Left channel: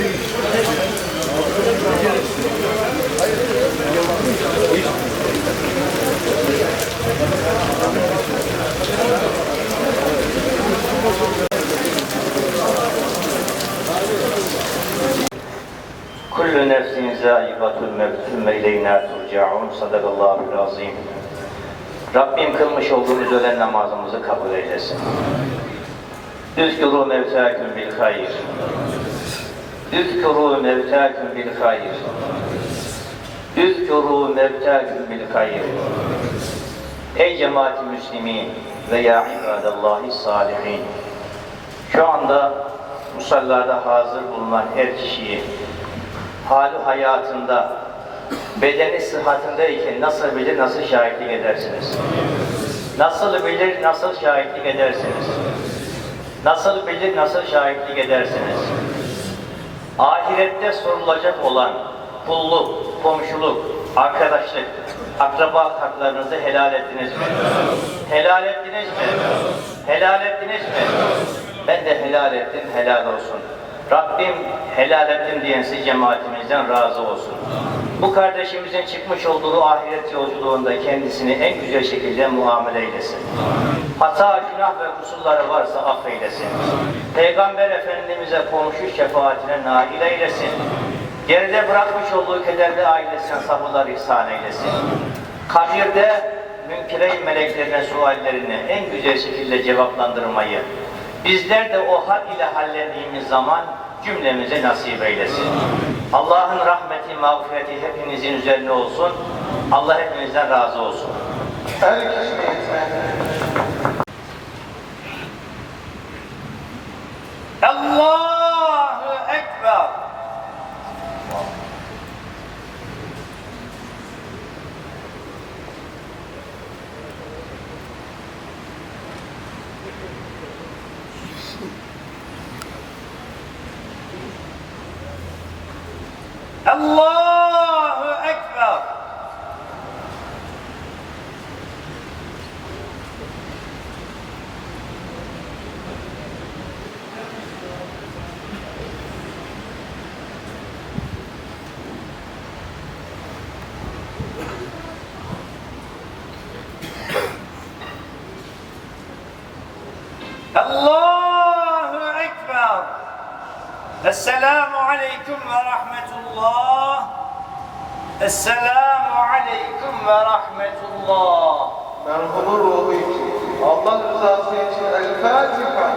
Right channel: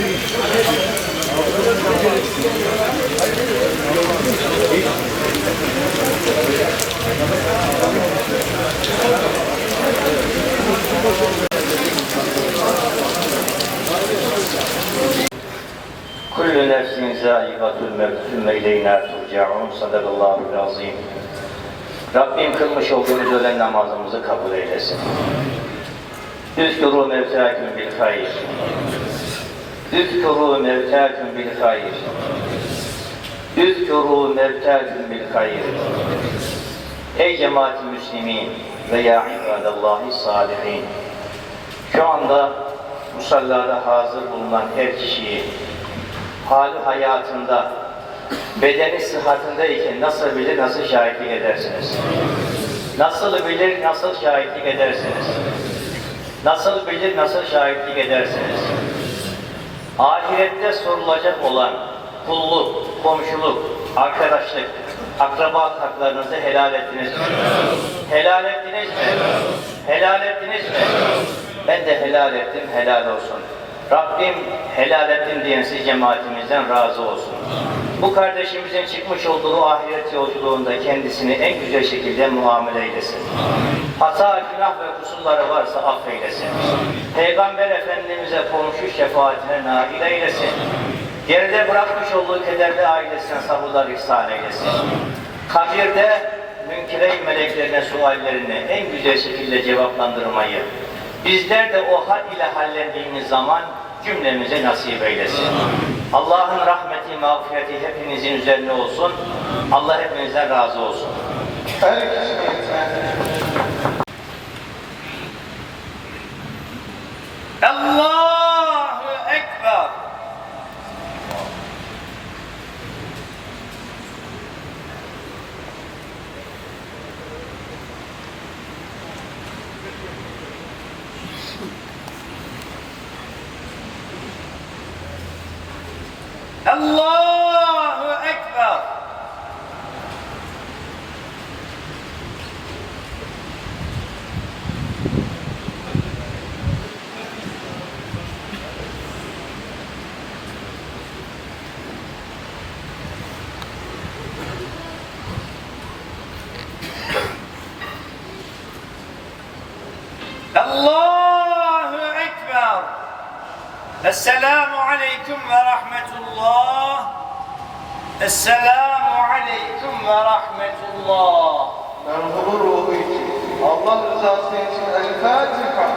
كل نفس زائقة الموت ثم إلينا ترجعون صدق الله Rabbim kılmış olduğumuz ölen namazımızı kabul eylesin. Üskürü mevsâküm bil hayr. Üskuru mevtâküm bil hayır. Üskuru mevtâküm bil hayır. Ey cemaat-i müslimin ve ya ibadallahi salihin. Şu anda musallada hazır bulunan her kişiyi hali hayatında bedeni sıhhatindeyken nasıl bilir, nasıl şahitlik edersiniz? Nasıl bilir, nasıl şahitlik edersiniz? Nasıl bilir, nasıl şahitlik edersiniz? Ahirette sorulacak olan kulluk, komşuluk, arkadaşlık, akraba haklarınızı helal ettiniz mi? Helal ettiniz mi? Helal ettiniz mi? Ben de helal ettim, helal olsun. Rabbim helal ettim diyen siz cemaatimizden razı olsun. Bu kardeşimizin çıkmış olduğu ahiret yolculuğunda kendisini en güzel şekilde muamele eylesin. Hata, günah ve kusurları varsa affeylesin. Peygamber Efendimiz'e komşu şefaatine nail eylesin. Geride bırakmış olduğu kederli ailesine sabırlar ihsan eylesin. Kabirde münkire meleklerine suallerini en güzel şekilde cevaplandırmayı, bizler de o hal ile hallettiğimiz zaman cümlemize nasip eylesin. Allah'ın rahmeti, mağfireti hepinizin üzerine olsun. Allah hepinizden razı olsun. Her السلام عليكم ورحمة الله. السلام عليكم ورحمة الله. من حضور وضيك الله رزاقك الفاتحة.